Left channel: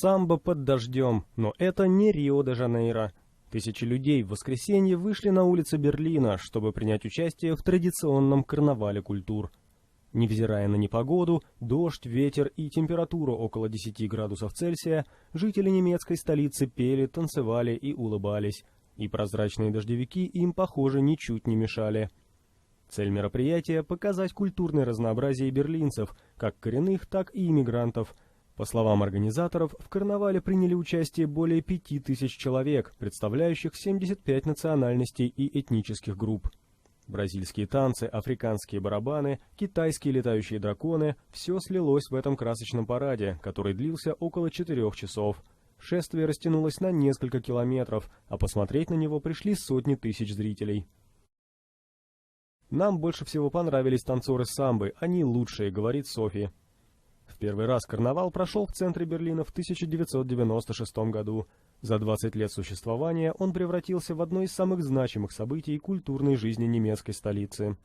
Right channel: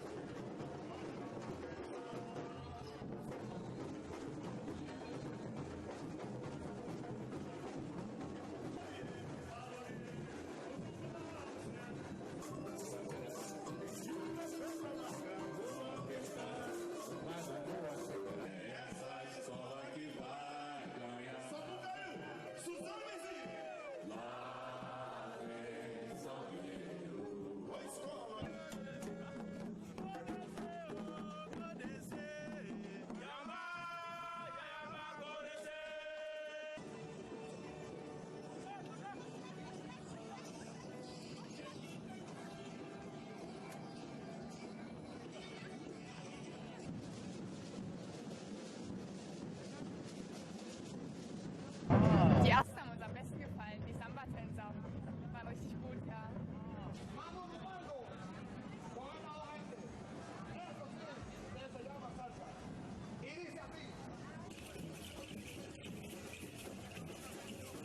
Самбо под дождем, но это не Рио-де-Жанейро. Тысячи людей в воскресенье вышли на улицы Берлина, чтобы принять участие в традиционном карнавале культур. Невзирая на непогоду, дождь, ветер и температуру около 10 градусов Цельсия, жители немецкой столицы пели, танцевали и улыбались. И прозрачные дождевики им, похоже, ничуть не мешали. Цель мероприятия – показать культурное разнообразие берлинцев, как коренных, так и иммигрантов. По словам организаторов, в карнавале приняли участие более 5000 человек, представляющих 75 национальностей и этнических групп. Бразильские танцы, африканские барабаны, китайские летающие драконы – все слилось в этом красочном параде, который длился около 4 часов. Шествие растянулось на несколько километров, а посмотреть на него пришли сотни тысяч зрителей. «Нам больше всего понравились танцоры самбы, они лучшие», — говорит Софи. В первый раз карнавал прошел в центре Берлина в 1996 году. За 20 лет существования он превратился в одно из самых значимых событий культурной жизни немецкой столицы.